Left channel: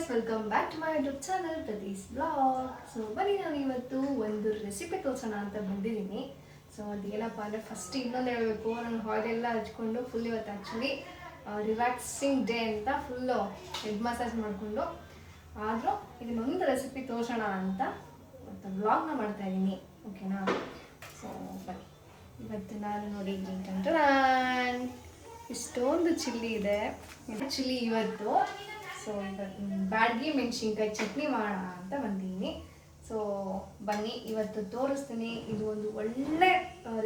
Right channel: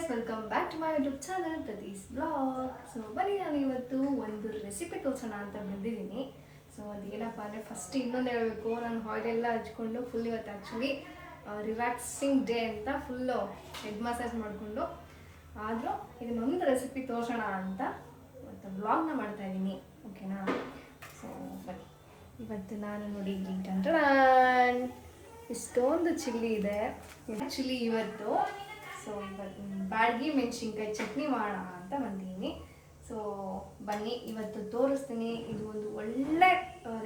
Guys, welcome back to my YouTube channel Prathees blog. So ಬನ್ನಿ, ನಾನು ಇವತ್ತು ಒಂದು ರೆಸಿಪಿ ತೋರಿಸೋಣ ಅಂತ ಬಂದಿದ್ದೀನಿ. ಸೊ ಅದೇನಪ್ಪ ಅಂದರೆ ಫಸ್ಟ್ ಇನ್ನೊಂದು ಹೇಳಬೇಕು, ನಾನು ಆಯಿಲೆಲ್ಲ ಹಚ್ಕೊಂಡು ಫುಲ್ ಇವತ್ತು ಆ್ಯಕ್ಚುಲಿ ರಿಲ್ಯಾಕ್ಸಿಂಗ್ ಡೇ ಅಂತ ಫುಲ್ಲು ಹೆಡ್ ಮಸಾಜ್ ಮಾಡಿಕೊಂಡು ಆದರೂ ಇದನ್ನೊಂದು ರೆಸಿಪಿ ತೋರಿಸೋಣ ಅಂತ ಇವತ್ತು ಬ್ಲಾಗ್ನ ಮಾಡ್ತಾಯಿದ್ದೀನಿ. ಓಕೆನಾ? ಸೊ ಬನ್ನಿ, ಇವತ್ತು ನಾನು ನೋಡಿ ಇಷ್ಟೊಂದು ಚಿಲ್ಲಿ ಇದೆ. ಚಿಲ್ಲಿ ಇವತ್ತು ಸೊ ಇವತ್ತು ಬ್ಯಾಡಗಿ ಮೆಣಸಿನ್ಕಾಯಿ ಚಟ್ನಿ ಮಾಡೋಣ ಅಂತ ಬಂದಿದ್ದೀನಿ. ಸೊ ಬನ್ನಿ ಇವತ್ತು ತೋರಿಸ್ತೀನಿ. ಇದು ಒಂದು ಒಳ್ಳೆ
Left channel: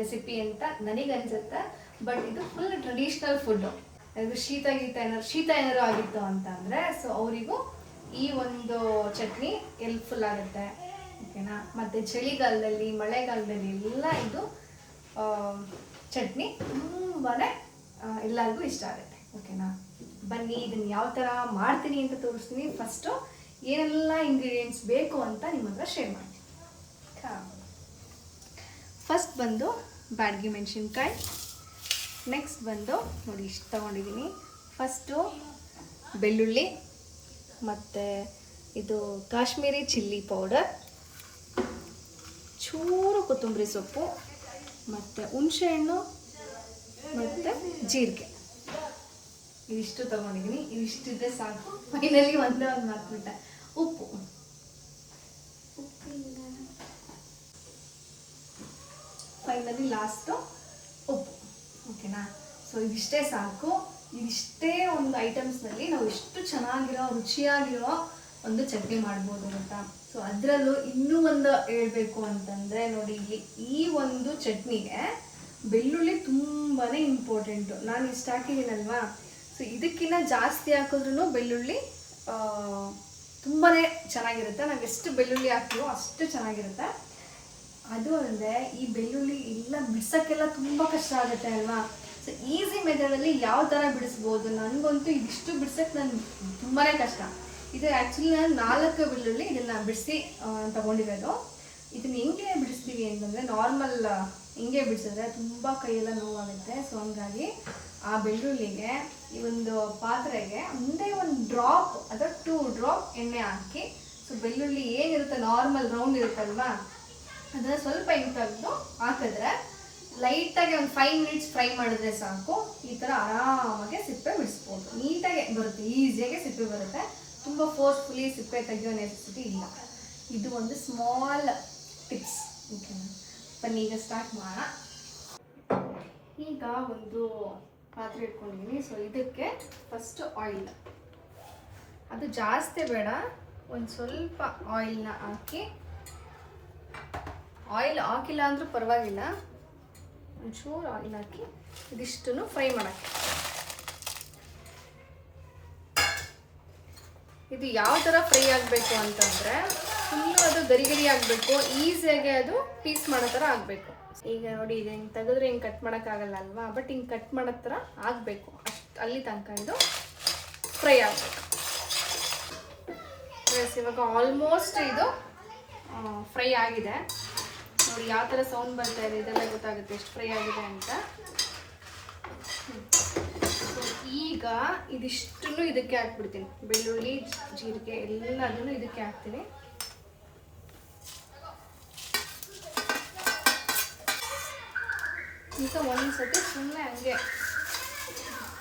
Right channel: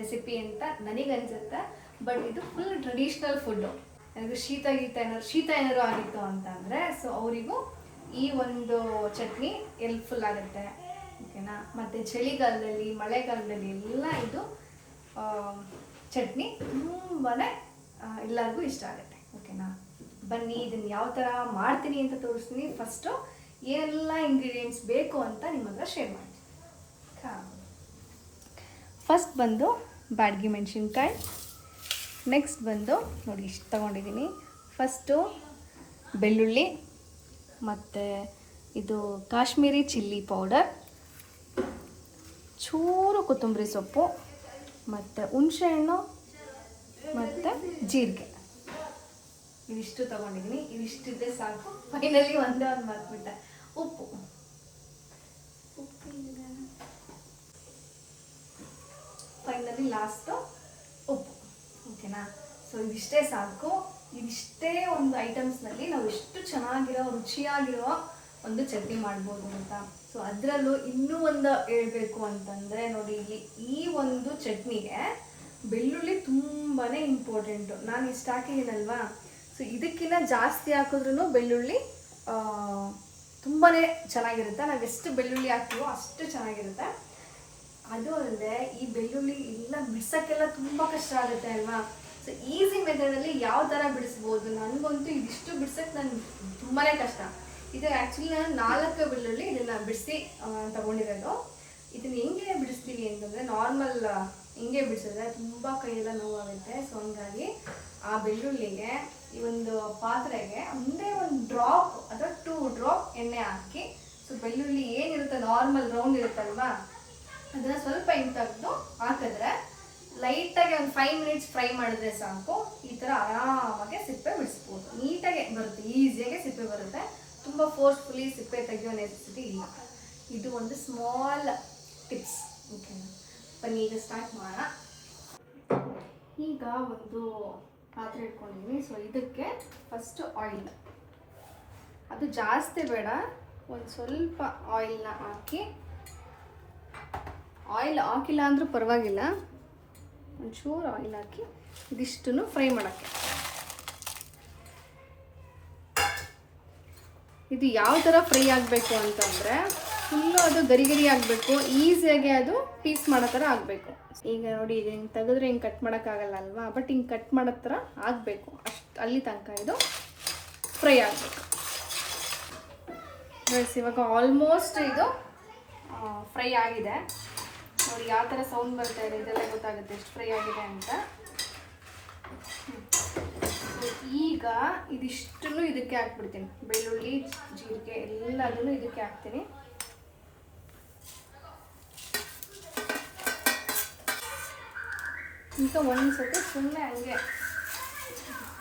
ರೆಸಿಪಿ ಅಂತ ನನಗನ್ಸುತ್ತೆ. ಬಟ್ ಇದು ಫುಲ್ ಟ್ರೆಡಿಷ್ನಲ್ ಫುಡ್ಡು. ಅದು ಶೀತ ಏನಾದ್ರು ಆಗಿತ್ತು ಅಂತ ಅಂದರೆ ಸೊ ಅವರಿಗೂ ಈ ಒಂದು ಚಟ್ನಿ ಹೆಲ್ಪ್ಫುಲ್ ಆಗುತ್ತೆ. ಓಕೆನಾ? ಮತ್ತು ಚಳಿಗಾಲದಲ್ಲಿ ಮಳೆಗಾಲದಲ್ಲಿ ಎಲ್ಲ ಇದು ಚಟ್ನಿ ತುಂಬಾ ಎಲ್ಲರಿಗೂ ಇಷ್ಟ ಆಗುತ್ತೆ. ಓಕೆನಾ? ಬನ್ನಿ, ಇದನ್ನು ಯಾವ ಥರ ಮಾಡ್ತೀನಿ ಅಂತ ತೋರಿಸ್ತೀನಿ. ಫಸ್ಟು ಏನೆಲ್ಲ ಇಂಗ್ರೀಡಿಯೆಂಟ್ಸ್ ಬೇಕು ಅಂತ ನಿಮ್ಮ ಹತ್ರ ಶೇರ್ ಮಾಡ್ತೀನಿ. ಫಸ್ಟ್ ಬಂದು ಬ್ಯಾಡಗಿ ಮೆಣಸಿನ್ಕಾಯಿ. ನೆಕ್ಸ್ಟ್ ಬಂದು ನೋಡಿ ಇಷ್ಟು ತೊಗೊಂಡಿದ್ದೀನಿ. ಫಸ್ಟು ಬೆಳ್ಳುಳ್ಳಿ, ಮತ್ತು ಇದು ಕಾಶ್ಮೀರಿ ಚಿಲ್ಲಿ ಪೌಡರ್, ಚೂರು ಕೊತ್ತಂಬರಿ ಸೊಪ್ಪು, ಮತ್ತು ಹುಣಸೆಹಣ್ಣು, ಮತ್ತು ಜೀರಿಗೆ. ಇದಿಷ್ಟು ತೊಗೊಂಡಿದ್ದೀನಿ. ಇದಿಷ್ಟಿದ್ರೆ ಸಾಕು. ಫೈನಲಿ ಒಂದೇ ಒಂದು ಮಾಡ್ಬಿಟ್ಟೆ, ಉಪ್ಪು. ಫೈನಲಿ ಲಾಸ್ಟು ಉಪ್ಪು. ಓಕೆನಾ? ಸೊ ಇದಿಷ್ಟೇ ಸಾಕು. ಇದಿಷ್ಟೇ ಒಂದು ಐಟಮ್ಸ್ನಲ್ಲಿ ನಾವು ಎಷ್ಟು ಚೆನ್ನಾಗಿರೋ ರುಚಿಯಾಗಿರೋ ಒಂದು ಚಟ್ನಿ ಮಾಡ್ಬೋದು ಅಂತ. ಸೊ ಅದರಲ್ಲೂ ಇನ್ನೂ ಒಂದು ಹೇಳ್ಬೇಕು ಅಂತಂದರೆ ನೋಡಿ, ಇಲ್ಲಿ ಈ ಒಂದು ಚಟ್ನಿಗೆ ಬೆಳ್ಳುಳ್ಳಿ ತುಂಬಾ ಇಂಪಾರ್ಟೆಂಟು. ನಾನು ಇಷ್ಟು ಹಾಕಿದ್ದೀನಲ್ವಾ, ಸೊ ಇದಕ್ಕಿಂತ ಜಾಸ್ತಿ ಹಾಕಿದ್ರೂ ಬೆಳ್ಳುಳ್ಳಿ ತುಂಬಾ ಚೆನ್ನಾಗಿರುತ್ತೆ. ನಾವು ಎಷ್ಟು ಬೆಳ್ಳುಳ್ಳಿ ಹಾಕ್ತೀವೋ ಅಷ್ಟು ಚೆನ್ನಾಗಿರುತ್ತೆ. ಅದು ಅಲ್ಲದೆ ಈ ಬೆಳ್ಳುಳ್ಳಿ ಎಲ್ಲ ಬಿಡ್ಸೋಕ್ಕೆಲ್ಲ ತುಂಬ ಕಷ್ಟ ಆಗುತ್ತೆ ಅಲ್ವಾ? ಸೊ ಈಸಿ ಮೆಥಡಲ್ಲಿ ಯಾವ ಥರ ಬಿಡಿಸ್ಬೋದು? ನನಗಂತೂ ಇದಿಷ್ಟು ಬಿಡ್ಸೋಕ್ಕೆ ನನಗೆ ತುಂಬಾ ಕಷ್ಟ. ಇದು ಆ್ಯಕ್ಚುಲಿ ನಾನು 4 ಬೆಳ್ಳುಳ್ಳಿ ಇದನ್ನು ಬಿಡಿಸಿ ತೊಗೊಂಡಿರೋದು. ಇದನ್ನು ಹೆಂಗೆ ಬಿಡಿಸ್ತೀವಿ ಅಂತಂದರೆ ನಾರ್ಮಲ್ ಹಿಂಗೆ ಬಿಡಿಸಿದ್ರೆ ತುಂಬ ಕೈಯೆಲ್ಲ ನೋವಾಗುತ್ತೆ. ಸೊ ಹಂಗಾಗಿ ಆ ಬೆಳ್ಳುಳ್ಳಿಗೆ ಈ ಒಂದು ಪಾತ್ರೆಗೆ ಒಂದೇ ಒಂದು ಡ್ರಾಪ್ ಅಥವಾ 2 ಡ್ರಾಪ್ ಎಣ್ಣೆ ಹಾಕಿ, ಸೊ ಬೆಳ್ಳುಳ್ಳಿ ಏನಿರುತ್ತೆ ನಾರ್ಮಲ್ ರೌಂಡ್ ಇರುತ್ತಲ್ವಾ, ಅದನ್ನು ಸ್ವಲ್ಪ ಹಿಂಗೆ ತೆಗೆದು ಹಾಕಿದ್ರೆ ಲೈಟಾಗಿ ಒಂದು 5 ಮಿನಿಟ್ಸ್ ಫ್ರೈ ಮಾಡಿದ್ರೆ ಸಾಕು. ಈ ಥರ ಆರಾಮಾಗಿ ಸಿಪ್ಪೆ ಬಿಡಿಸ್ಬೋದು. ನೀಟಾಗಿ ಬರುತ್ತೆ, ಈಸಿಯಾಗಿ ಸಿಪ್ಪೆ ಬರುತ್ತೆ. ತುಂಬ ಫೋರ್ಸ್ಫುಲಿ ಸಿಪ್ಪೆ ತೆಗೆಯೋ ನೆಸೆಸಿಟಿ ಇಲ್ಲ. ಇದು ಒಂದು ಸ್ಮಾಲ್ ಟಿಪ್ಸ್. ಓಕೆನಾ? ಬನ್ನಿ ಈಗ ಸ್ಟಾರ್ಟ್ ಮಾಡೋಣ. ಈಗ ಒಂದು ಪಾತ್ರೆ ಇಟ್ಕೊಂಡಿದ್ದೀನಿ. ಸೊ ಇದಕ್ಕೆ ಫಸ್ಟ್ ಆಯಿಲ್, ಅದು ಜಾಸ್ತಿ ಬೇಡ, ಒಂದು ಸ್ವಲ್ಪ ಆಯಿಲ್ನ ಹಾಕಿ, ಆಯಿಲ್ ಹಾಕಿಲ್ಲ ಅಂದರೂ ಪರವಾಗಿಲ್ಲ, ಒಂಚೂರು ಆಯಿಲ್ ಹಾಕಿ ಇದಿಷ್ಟನ್ನು ಫ್ರೈ ಮಾಡೋಕ್ಕೆ. ಇದು ಯಾವ ಥರ ಫ್ರೈ ಆಗಬೇಕು ಅಂತಂದರೆ ಫುಲ್ಲು ಅದು ಗರಿ ಗರಿ ಆಗಬೇಕು, ಈಸಿಯಾಗಿ ಅದು ಪೀಸ್ ಮಾಡೋ ಥರ ಆಗಬೇಕು. ಈಗ ನೋಡಿ, ಇದು ಹಿಂಗೆ ತೆಗೆದ್ರೆ ಹಿಂಗೆ ಕಟ್ ಮಾಡೋಕ್ಕಾಗಲ್ಲ ಅಲ್ವಾ, ಬಟ್ ಹಿಂಗೆ ಕಟ್ ಮಾಡೋ ಥರ ಆಗಬೇಕು. ಅಷ್ಟು ಅಲ್ಲಿ ತನಕ ಇದು ಫ್ರೈ ಆಗಬೇಕು. ಇವಾಗ ಆಲ್ಮೋಸ್ಟ್ ಇದು ಫ್ರೈ ಆಗಿದೆ. ನೋಡಿ ಯಾವ ಥರ ಸೌಂಡ್ ಬರ್ತಾ ಇದೆ, ಇದೆಲ್ಲ ಗೊತ್ತಾಗುತ್ತೆ ಎಷ್ಟು ಫ್ರೈ ಆಗಿದೆ ಅಂತ. ಈಗ ಇದಿಷ್ಟನ್ನು ಇದಕ್ಕೆ ಹಾಕ್ಬಿಡ್ತೀನಿ. ಬೆಳ್ಳುಳ್ಳಿ, ಜೀರಿಗೆ ಎಲ್ಲದನ್ನು ಇದಕ್ಕೆ ಹಾಕ್ತೀನಿ. ಈಗ ಒಂದ್ಸತಿ ಸುಮ್ಮನೆ ಹಂಗೆ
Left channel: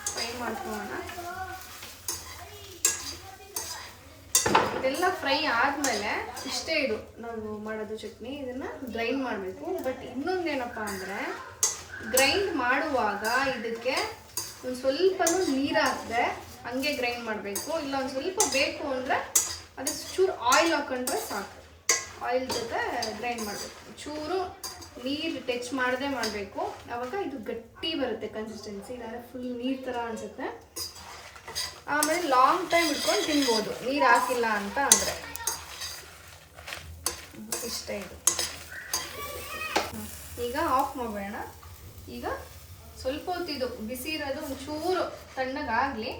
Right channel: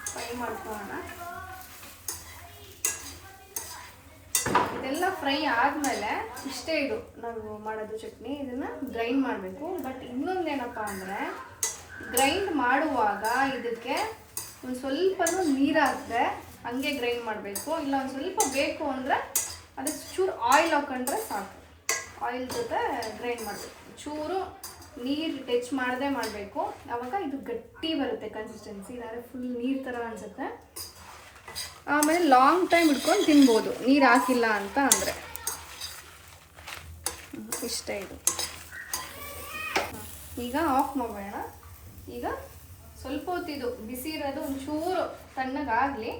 ಫ್ರೈ ಮಾಡ್ಕೊಳ್ಳೋಣ. ಇದೆಲ್ಲ ಫ್ರೈ ಆದಮೇಲೆ ಇಷ್ಟೇ ಇದು ನಾವು ಮಾಡೋದು ಚಟ್ನಿ. ಇದನ್ನು ಗ್ರೈಂಡ್ ಮಾಡಬೇಕು. ಬಟ್ ಇನ್ನೊಂದೇನಪ್ಪ ಅಂದರೆ ಗ್ರೈಂಡ್ ಮಾಡುವಾಗ ಇದಕ್ಕೆ ಒಂದು ಸ್ವಲ್ಪನೂ ನೀರು ಹಾಕಿದೆ ಹಂಗೆ ಗ್ರೈಂಡ್ ಮಾಡಬೇಕು. ಇಲ್ಲ ಒಂದು ಸ್ವಲ್ಪ ಬೇಕು ಅಂದರೆ ಅದಕ್ಕೆ ಚೂರು ಆಯಿಲ್ ಹಾಕೊಂಡ್ರೆ ಸಾಕು. ಆಯಿಲ್ ಜೊತೆ ಗ್ರೈಂಡ್ ಮಾಡಬೇಕು. ಚೂರು ನೀರು ಟಚ್ ಮಾಡದೆ ಮಾಡಬೇಕು. ಆವಾಗ ಇದು ಗಟ್ಟಿ ಬರುತ್ತೆ ಕನ್ಸಿಸ್ಟೆನ್ಸಿ. ಇಲ್ಲಾಂದರೆ ಫುಲ್ ನೀರು ಥರ ಅನಿಸುತ್ತೆ. ಆಮೇಲೆ ಲಾಂಗ್ ಟೈಮ್ ಇಟ್ಕೊಂಡು ತಿನ್ಬೋದು ನೀರು ಹಾಕಿಲ್ಲ ಅಂತ ಅಂದರೆ. ಇಷ್ಟ ಇದು. ಈಗ ಆಫ್ ಮಾಡಬೇಡ. ಈಗ ಸ್ವಲ್ಪ ಹೊತ್ತಿದು ಬಿಸಿ ಇರೋದು ಒಂಚೂರು ತಣ್ಣಗಾಗಲಿ.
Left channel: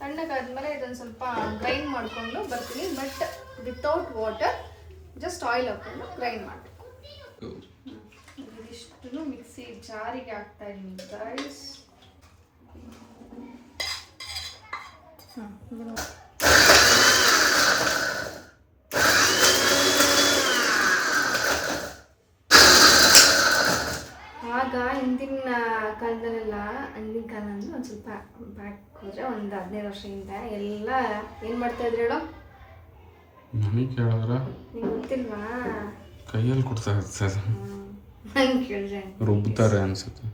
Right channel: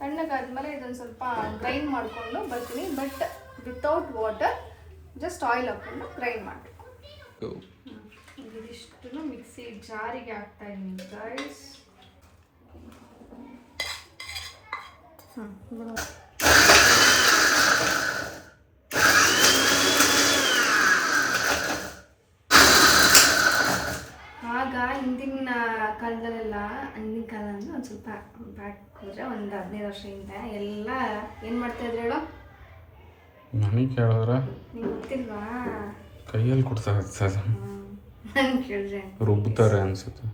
ತಣ್ಣಗಾದ್ಮೇಲೆ ಇದೊಂದು ಸ್ವಲ್ಪ ಗ್ರೈಂಡ್ ಮಾಡಿಕೊಂಡು ಬರ್ತೀನಿ. But without water, just oil ಹಾಕ್ಕೊಂಡು ಗ್ರೈಂಡ್ ಮಾಡಬೇಕು. ಇದಿಷ್ಟು ಮಿಕ್ಸಿ ಜಾರಿಗೆ ಹಾಕ್ತಾ ಇದ್ದೀನಿ ಗೈಸ್. ಬ್ಯಾಕ್ ಹೋದರೆ ಒಂದು 15 ವರ್ಷದಿಂದ ಎಲ್ಲ ಏನು ಮಾಡ್ತಾಯಿದ್ರು ಹೇಳೋ? ನನಗೆ ಕೇಳಿದ್ರೆ ನಿಂಗೆ ಗೊತ್ತಿಲ್ವಾ? ಕೈಯಲ್ಲಿ ಕೊಡ್ತಾರೆ ಸರ್, ನಂಗೆ ಕೇಳಿದ್ರೆ ರುಬ್ತಾರೆ ಅನ್ಸುತ್ತೆ.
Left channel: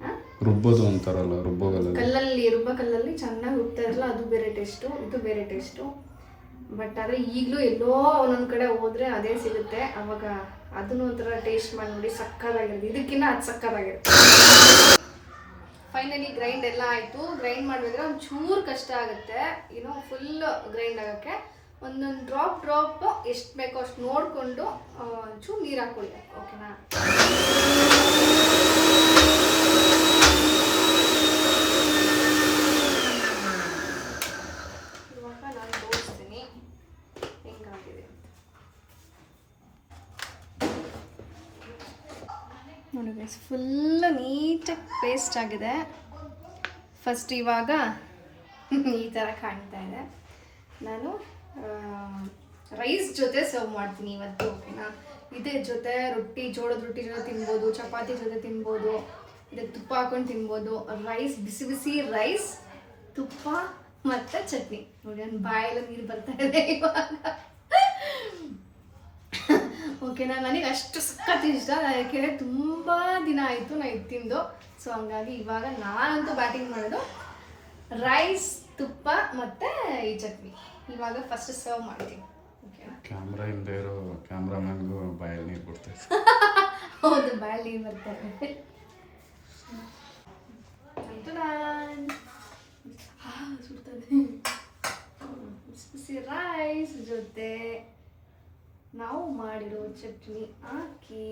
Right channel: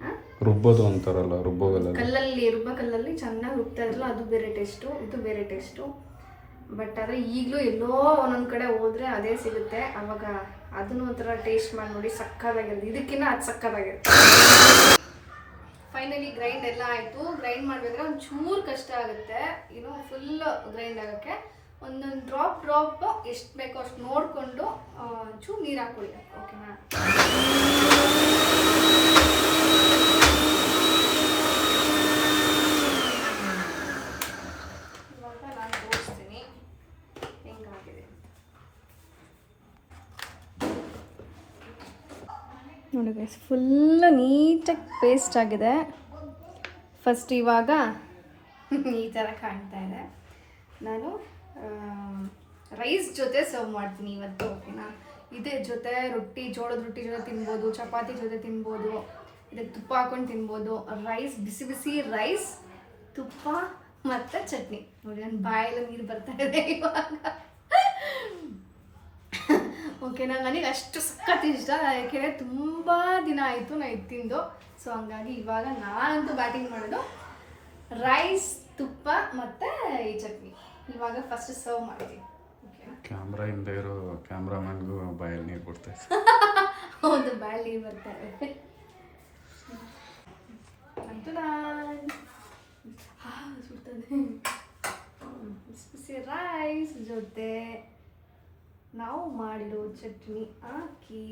ರುಬ್ಬೋದು ಅಂತಾರಲ್ಲ, ರುಬ್ಬೋಗಲ್ಲ. ಕಲ್ಲಲ್ಲಿ ಚೆನ್ನಾಗಿ ರುಬ್ತಾ ಇರಲ್ಲ, ಅದು ಬೇರೆ ಟೇಸ್ಟು, ಇದು ಬೇರೆ ಟೇಸ್ಟು. ಬಟ್ ಆದರೆ ಈಗಲೂ ಎಲ್ಲೋ ಒಂದೊಂದು ಕಡೆ ಹೋದರೆ ಅದೇ ಸಿಗುತ್ತೆ. ಅವಾಗ ಅದನ್ನು ಒಂಥರ ಟೇಸ್ಟ್ ಮಾಡಿ ನೋಡಿ, ಸಕ್ಕತ್ತಾಗಿರುತ್ತೆ. ಇದಕ್ಕಿಂತ ಅದು ಸಕ್ಕತ್ತಾಗಿರುತ್ತೆ. ಫೈನಲಿ ಗ್ರೈಂಡ್ ಎಲ್ಲ ಆಯಿತು. ಗ್ರೈಂಡ್ ಮಾಡಬೇಕಾದ್ರೆ ಒಂದು ಚೂರು ಕಷ್ಟ ಆಗುತ್ತೆ, ಫುಲ್ ಗ್ರೈಂಡ್ ಆಗೋಕ್ಕೆ. ಒಂದೊಂದು ಡ್ರಾಪ್ ಎಷ್ಟು ಬೇಕೋ ಅಷ್ಟು ನೋಡಿಕೊಂಡು ಚೂರು ನೀರು ಹಾಕ್ಕೊಳ್ಳಿ, ಓಕೆನಾ? ಇವಾಗ ನಾನು ತೋರಿಸ್ತೀನಿ ಹೆಂಗಾಗಿದೆ ನೋಡಿ ಗೈಸ್, ಫುಲ್ ನೀಟಾಗಿ ಪೇಸ್ಟ್ ಆಗಿದೆ. ಫಸ್ಟ್ ಇವಾಗ ಈ ಥರ ಕಾಣ್ತಾ ಇದೆ. ನಾನು ರೈಸ್ ಜೊತೆ ಸರ್ವ್ ಮಾಡ್ತೀನಿ ಇವತ್ತು, ಓಕೆನಾ? ಇದ್ರ ಜೊತೆ ಜೋಳದ ರೊಟ್ಟಿ ಜೊತೆ ತಿನ್ಬೋದು, ಚಪಾತಿ ಜೊತೆ ತಿನ್ಬೋದು, ಇದಕ್ಕೆ ತುಪ್ಪ ಹಾಕೊಂಡು ತಿನ್ಬೋದು. ರೈಸ್, ಬಿಸಿ ಬಿಸಿ ರೈಸ್, ತುಪ್ಪ ಮತ್ತು ಚಟ್ನಿ. ನೋಡಿ ನನ್ನ ಬಾಯೆಲ್ಲ ನೀರು ಬರ್ತಾ ಇದೆ ಇವಾಗ. ಓಕೆನಾ? ನನಗೆ ಅಷ್ಟು ಸಖತ್ ಇಷ್ಟ, ಯಾಕೆಂದರೆ ತುಂಬ ದಿನ ಆಯಿತು ನಾನು ಇದು ತಿಂದು. ಸೊ ಹಂಗಾಗಿ ಇವಾಗ ನಾನಂತೂ ಬ್ಯಾಟಿಂಗ್ ಮಾಡೋದು ರೈಸ್, ತುಪ್ಪ ಮತ್ತು ಈ ಚಟ್ನಿ. ಇವಾಗ ಫಸ್ಟ್ ಸರ್ವ್ ಮಾಡ್ತೀನಿ, ಓಕೆನಾ? ಕ್ಯಾಮ್ರಾ ಹಿಂದೆ ಇರೋ ಕ್ಯಾಮ್ರಾಮನ್ಗೂ ಬಾಯಲ್ಲಿ ನೀರು ಕೊಡ್ತಾ ಇತ್ತು. ಹೌದು, ಬಾಯಲ್ಲಿ ನೀರು ಬರ್ತಾರೆ. ಬಿಸಿ ಬಿಸಿ ರೈಸ್ ಜೊತೆ ನಾವು ಮಾಡಿರೋ ಚಟ್ನಿ ಹಾಕಿ.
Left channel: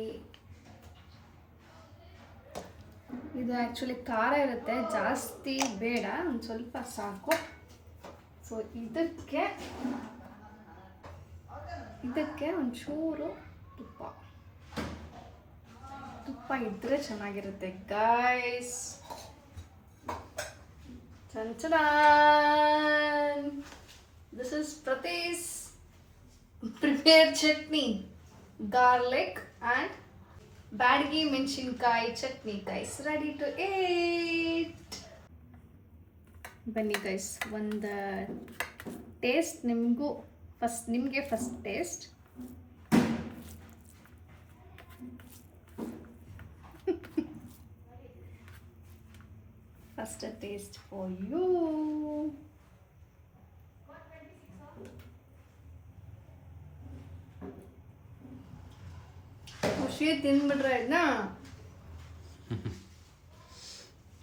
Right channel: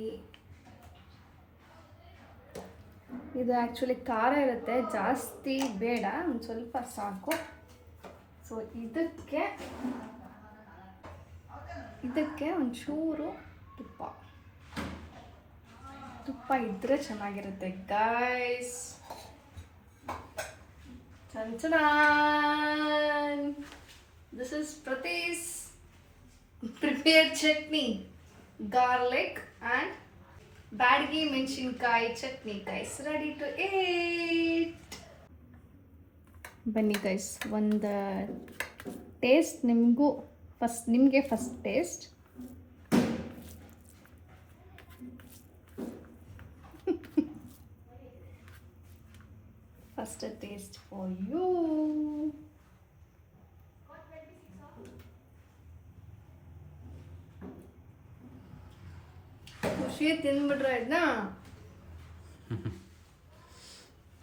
ಇದು ಆ್ಯಕ್ಚುಲಿ ಖಾರ ಇರುತ್ತೆ, ಜಾಸ್ತಿ ಬೇಡ, ಒಂದು ಸ್ವಲ್ಪ ಸಾಕು. ಸೊ ಇದಕ್ಕೆ ಒಂಚೂರು ತುಪ್ಪ ಇದ್ದರೆ ಚೆನ್ನಾಗಿರುತ್ತೆ guys. This is Prathees prepare chutney, garlic and Byadagi ಮೆಣಸಿನ್ಕಾಯಿ chutney guys, ready to eat. ಬನ್ನಿ ಗೈಸ್, ಒಂದು ಟೇಸ್ಟ್ ನಿಮಗೆ first taste. First taste for you. ಖುಷಿ ತಿಂದ್ಬಿಟ್ರೆ ಇದನ್ನ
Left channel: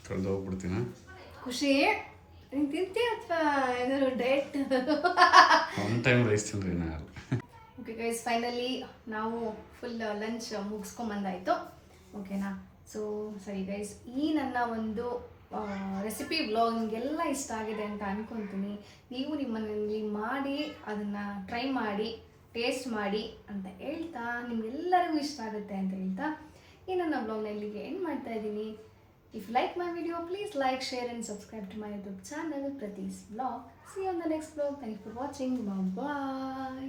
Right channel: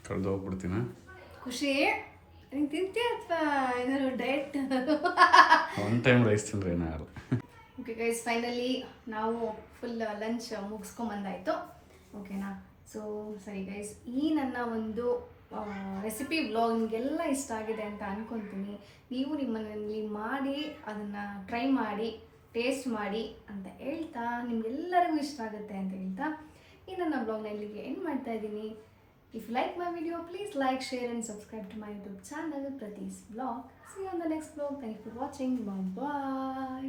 ಕಳೆದು ಹೋಗ್ಬಿಡ್ತೀನ. ಖುಷಿ ನೀನು ತಿಂತೀಯ ಅಥವಾ ಏನಾದ್ರು ಡಯಟ್? ಒನ್ ಟೈಮ್ ರೈಸ್ ತಿಂದ್ರೆ ಏನಾದ್ರು. ಓಕೆ ಗೈಸ್, ಫೈನಲಿ ನಾವು ಫುಲ್ ಲಂಚ್ ಮುಗಿಸ್ಕೊಂಬಂದಾಯಿತು, ಓಕೆನಾ? ಸೊ ಸರಿ ಗೈಸ್, ಈ ನನ್ನ ಒಂದು ರೆಸಿಪಿ ವ್ಲಾಗ್ ನಿಮಗೆಲ್ಲ ಇಷ್ಟ ಆಗಿದೆ ಅಂತ ಅಂದ್ಕೊತೀನಿ. ನೀವು ನಿಮ್ಮ ಮನೆಯಲ್ಲಿ ಮಾಡಿ ಅದನ್ನು ಟ್ರೈ ಮಾಡಿ ಟೇಸ್ಟ್ ಮಾಡಿ ಅಂತ ಹೇಳ್ತಾ, ನಿಮಗೆಲ್ಲರಿಗೂ ಇಷ್ಟ ಆಗುತ್ತೆ ಅಂತ ಹೇಳ್ತಾ ಈ ನನ್ನ ಬ್ಲಾಗ್ನ ಇಲ್ಲಿಗೆ ಎಂಡ್ ಮಾಡ್ತಾ ಇದ್ದೀನಿ. If you like my video, please like, share and subscribe to my YouTube channel, Pratees Vlog. See you on the next vlog. Thank you for watching. Bye bye.